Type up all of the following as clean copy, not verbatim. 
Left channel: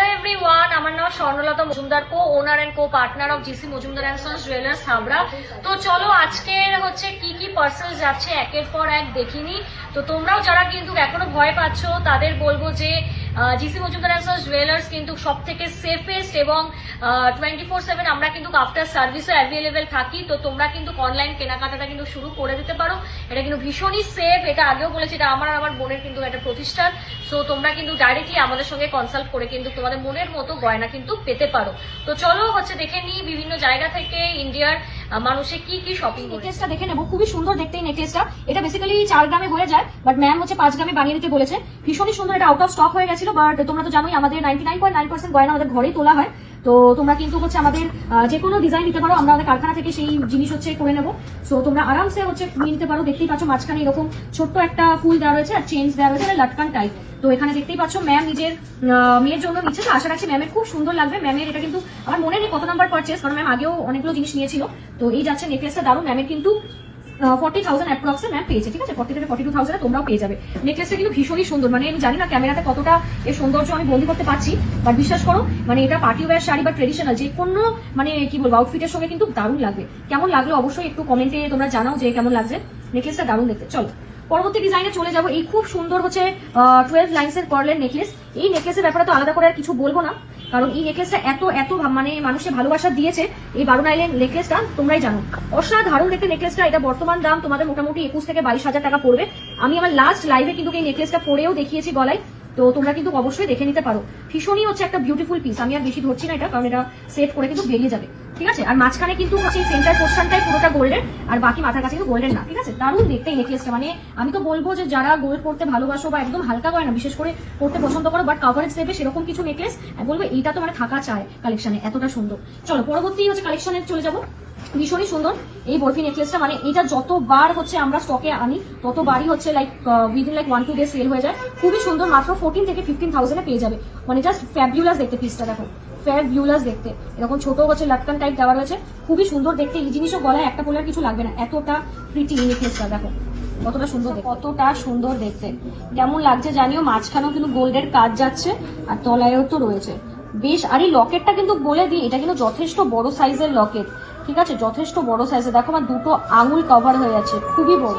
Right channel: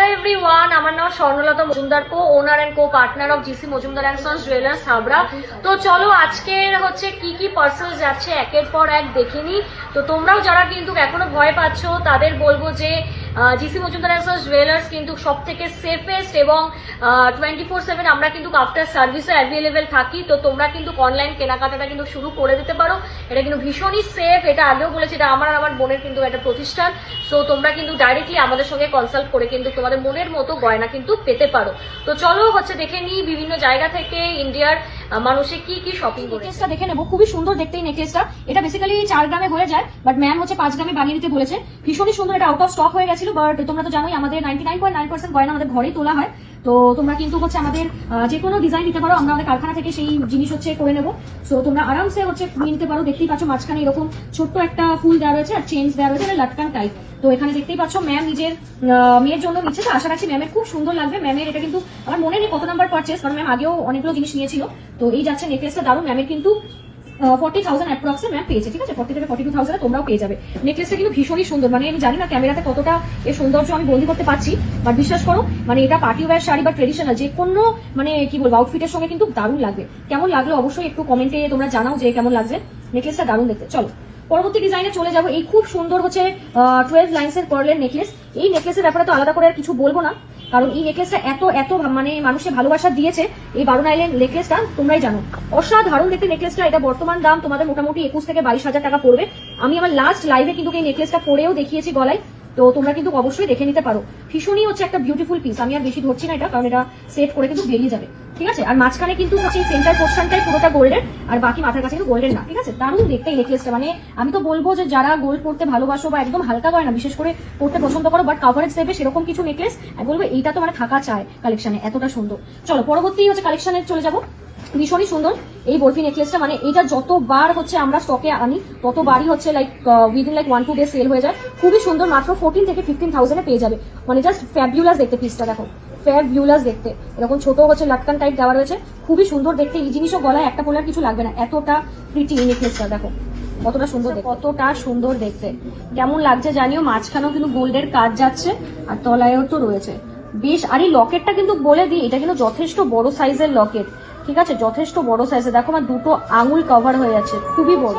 Hello everyone, আমার নাম Swarnalata Majumdar, co owner and co partner of GC Majumdar and sons jewellers Habra. তো চলো আজকের হচ্ছে কি কি পার্সেল যাচ্ছে একের পর এক দেখিনি। তো তোমরাও যারা কিন্তু এখনো ভয় পাচ্ছ তাদের বলবো যে G C Majumdar and sons jewellers কিন্তু সব থেকে সেফেস্ট এবং 24/7 আমরা কিন্তু আফটার সার্ভিসও অ্যাভেলেবেল থাকি। তো তোমরা কিন্তু অনলাইন কেনাকাটাটা কিন্তু শুরু করে দিতে পারো। এটা কিন্তু ভীষণই সেফ, এটা আগেও বলেছি, এটা আমার আর আমার বোনের কিন্তু একটা প্রতিষ্ঠান। সো তোমরা কিন্তু ডাইরেক্টলি আমাদের সঙ্গে কনসাল্ট করে কিন্তু তোমাদের মনের মতো গয়না কিন্তু পেতে পারো। তো চলো হচ্ছে দেখে নিই বিভিন্ন জায়গা থেকে ইন্ডিয়ার মানুষে কি কি শপিং করে। নেকলেসটা দেখে নেবো, খুবই সুন্দর দেখতে এই নেকলেসটা। এটা বেসিক্যালি 4 গ্রামে হয়ে যায়, বাট ম্যাম হচ্ছে 5 গ্রামে বানিয়ে দিতে বলেছে। ভীষণই সুন্দর, এটা আউট অফ স্টক হয়ে গেছিল, বাট তোমরা তো জানোই আমাদের 99.9% গয়না আমাদের ঘরেই তোলা হয়। তো তোমরা কিন্তু হচ্ছে আমাদের যে কোনো ডিজাইন নিতে পারো, আমরা আমাদের কারখানা থেকে সেই জিনিস হচ্ছে করে নেবো। সো তোমরা আরামসে হচ্ছে নিতে পারো। দেখতেই পাচ্ছ মাঝখানে এরকম ছোট্ট একটা ফুল দেওয়া রয়েছে আর চেঞ্জ দেওয়া রয়েছে, লাটকান টাইপ। তো এখানে দেখতেই পাচ্ছ ম্যাম নিজের মেয়ের জন্য নিচ্ছে, তো আশা রাখছি ম্যামের খুব সুন্দর লাগবে। ম্যামের এটা কিন্তু আমার মনে নেই কত নাম্বার পারচেস, কারণ ম্যাম আগেও অনেকগুলো জিনিস নিয়েছিল। তো এই যাচ্ছে নেকলেসটা দারুণ। ম্যামের কিন্তু 40,000 অ্যাপ্রক্সে ম্যাম পেয়েছে, ঠিক আছে? 40 থেকে 42,000 তোমরাও পেয়ে যাবে। নেকলেসটা কিন্তু ভীষণই সুন্দর, মানে আমি জানি না ক্যামেরাতে কতটা এর সৌন্দর্য আমি বন্দি করতে পারছি, বাট বিশ্বাস করো মানে এটা পার্টি ওয়্যার শাড়ি বা ট্রেডিশনাল যে কোনো মানে কি বলবো আউটফিটের সঙ্গে কিন্তু দারুণ লাগবে। কেমন লাগলো অবশ্যই একটু কমেন্টে তোমরা জানাও যে কেমন লাগছে। নেকলেসটা দারুণ দেখতে। চলো পরবর্তী ডিজাইনে চলে যাবো। এই খুব সুন্দর হচ্ছে 12 লাইন্সের পার্লের নেকলেস। এই নেকলেসের ব্যাপারে তো আলাদা করে আর কিছু বলবো না, কারণ এই নেকলেসটা এত এত মানে মানুষের ভালোবাসা দিয়েছে। এই 12 লাইনের নেকলেসটা তোমরাই জানো, অসাধারণ দেখতে নেকলেসটা। এটা বর্তমান দাম তোমাদের মোটামুটি 21 থেকে 22,000 টাকা পড়বে। আমি আমার লাস্ট লাইভে কিন্তু এই নেকলেসটা পরেও দেখিয়েছি গলায়, তো তোমরা কিন্তু অবশ্যই দেখে নিতে পারো। ভীষণই হচ্ছে একটা বিউটিফুল পিস। আমি আর বেশি ধরছি না এটা, কারণ এটা সেট করে কিন্তু বেরিয়ে যাবে, ঠিক আছে? আর মাঝখানে কিন্তু হচ্ছে সেন্টার পোর্শনটাই পুরোটা গোল্ডের, আর বাকি মাথার কাছে কিন্তু গোল্ডের না, ঠিক আছে? দারুণ দেখতে এই নেকলেসটা। মানে আমি তো বলবো যে যারা গোল্ড পড়তে ভালোবাসো বা একদম হালকা গয়না বিশেষ করে পড়তে পছন্দ করো, বাট কাভারেজ দেবে সেরকম কিছু নেকলেস বলবো এইটা তো মানে থাকা চায় কালেকশনে, এতটা সুন্দর। চলো পরবর্তী হচ্ছে কালেকশনে চলে যাবো। ভীষণই সুন্দর এই বরফি নেকলেসটা, মানে এটা যতবার হচ্ছে আমরা স্টকে আনি ততবারই হচ্ছে like within like 1-2 day sell হয়ে যায়। খুবই সুন্দর, মাত্র 14 থেকে 15,000 পেয়ে যাবে। মানে জাস্ট ফ্যাবিউলাস দেখতে পিসটা, দেখো ফ্যাবিউলাস দেখতে। এরকম ছোট হচ্ছে লাটকান টাইপ দেওয়া রয়েছে, খুবই সুন্দর দেখতে। এই জিনিসও গলায় একটা পরে আর কিছু লাগবে না, এতটা প্রিটি এই নেকলেসটা। দেখো কতটা সুন্দর দেখতে, কতটা সুন্দর দেখতে। কেমন লাগছে জানিও। মাঝখানেও কিন্তু গোল্ডের কাজ যাচ্ছে আর তলায়ও তো রয়েছে বেশ। আর এই লকেটটা কিন্তু বলে দিই, এটা কিন্তু যথেষ্ট বড় সাইজের লকেট, ঠিক আছে? যথেষ্ট বড় সাইজে। দেখো না, দুটো আঙুল কভার হয়ে যাচ্ছে, খুবই বড়।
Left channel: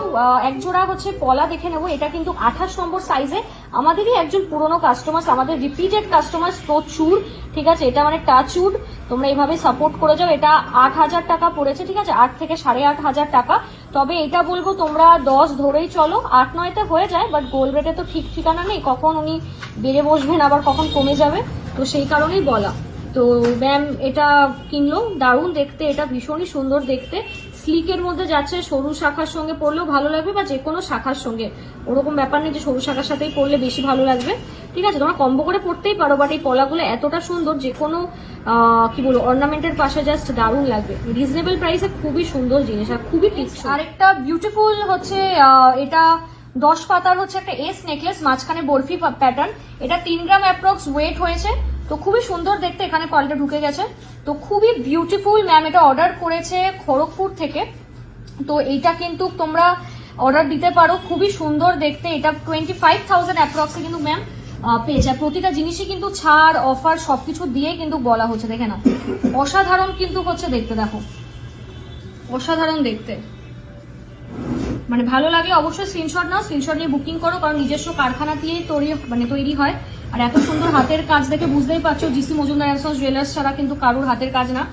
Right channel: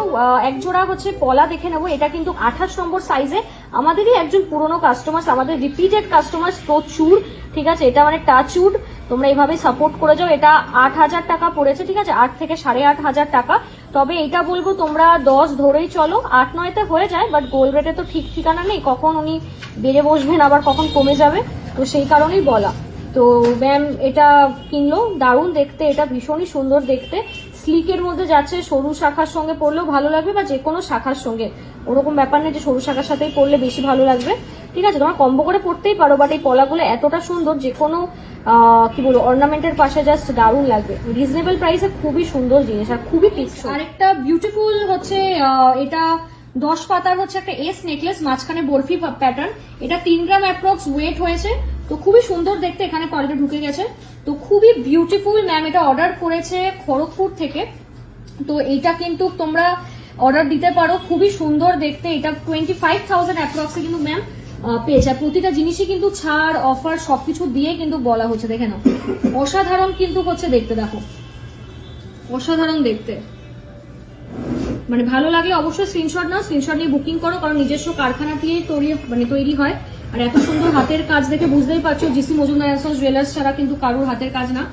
একজোড়া হচ্ছে পলা দেখে নেবো। এটা কিন্তু 28 নম্বর সাইজে। আমাদেরই একজন পুরোনো কাস্টমার, আমাদের রিপিটেড কাস্টমার প্রচুর, ঠিক আছে? এটা মানে টাচউড, তোমরা এইভাবে সাপোর্ট করে যাও। এটা 8,000 টাকা পড়েছে, ঠিক আছে? 8 থেকে 8,500 টাকা। তবে এটা বলবো তোমরা 10 ধরেই চলো, 8-9তে হয়ে যায়, বাট গোল্ডেতে তো ঠিক ঠিকানা নেই, কখন উনি বেড়ে বসবেন আবার কখন কমে যাবে, তো সেই কারণেই বলা। তো ম্যাম এটা কিনলো, দারুণ দেখতে, এটা ভীষণই সুন্দর দেখতে। স্লিকের মধ্যে যাচ্ছে, সরু শাখার সঙ্গে পরলেও ভালো লাগবে বা যে কোনো শাখার সঙ্গে, ওরকম ব্যাপার নেই যে সরু শাখার সাথেই পরলে বেশি ভালো লাগবে, ঠিক আছে? তোমার কম্বো করে পরতেই পারো, বাট এই পলাগুলো এতটা সুন্দর যে কোনো কি বলবো অর্নামেন্টের পাশে জাস্ট দারুণ লাগবে। রিজনেবল প্রাইসে খুবই সুন্দর জিনিস আর খুবই টেকসই। আরেকটা বিউটিফুল হচ্ছে এটা 10 পাতার হচ্ছে একটা এস নেকলেস, মাঝখানে বরফি প্যাটার্ন। এটা 3 গ্রাম অ্যাপ্রক্স ওয়েট হয়েছে। তো খুবই সুন্দর দেখতে, এখানে পার্লটা ঢুকে গেছে। তো খুবই বিউটিফুল। ম্যাম এটা অর্ডার করেছে খড়গপুর থেকে। তো এইটা কিন্তু তোমরা অর্ডার দিতে পারো, খুবই সুন্দর দেখতে। এটা 25,000 অ্যাপ্রক্সে কিন্তু ম্যাম পেয়েছে। আর প্রতিটা জিনিসই কিন্তু ছাড় অফার সবকিছু দিয়ে কিন্তু বলা হচ্ছে, দেখে না অসাধারণ কিন্তু হচ্ছে দেখতে। দেখো অসাধারণ দেখতে, মানে ভালো লাগলে অবশ্যই স্ক্রিনশট নাও, স্ক্রিনশট নিয়ে বুকিং করো, কারণ নিজস্ব কারখানা দিয়ে তৈরি হয়। আর এত সুন্দর হাতের কাজ দেখে বুঝতেই পারছো G C Majumdar and sons jewellers ছাড়া কিন্তু কারোর হাতের কাজ না।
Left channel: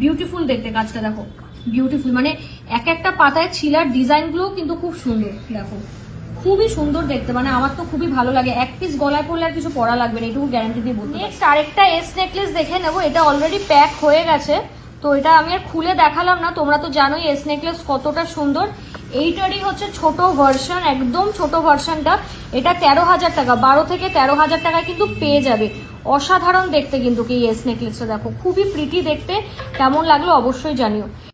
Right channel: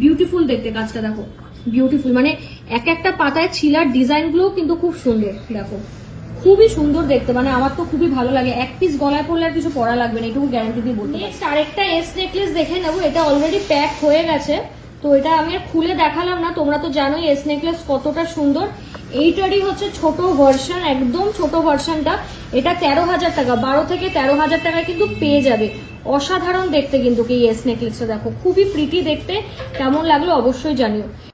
বিউটিফুল দেখতে কাজটা, দেখো বিউটিফুল। মানে এক একটা পাতায় ছিলার ডিজাইন গুলো কিন্তু খুব সুন্দর, দেখো খুবই সুন্দর দেখতে। মানে আমার তো খুবই ভালো লাগে। এক পিস গলায় পড়লে আর কিছু পরা লাগবে না, এটুকু গ্যারান্টি দিয়ে বলতে পারি। আরেকটা এস নেকলেস দেখে নেবো। এটা অলরেডি প্যাক হয়ে গেছে, তো এটা আমি আর খুলে দেখালাম না। তোমরা তো জানোই এস নেকলেস কতটা সুন্দর। এইটারই হচ্ছে ছোট ভার্সন, একদম ছোট ভার্সনটা। এটা 13,000 টাকা, 12 থেকে 13,000 টাকায় কিন্তু পেয়ে যাবে। অসাধারণ দেখতে কিন্তু এই এস নেকলেসটা, দেখো খুবই প্রিটি দেখতে। কেমন লাগলো অবশ্যই জানিও।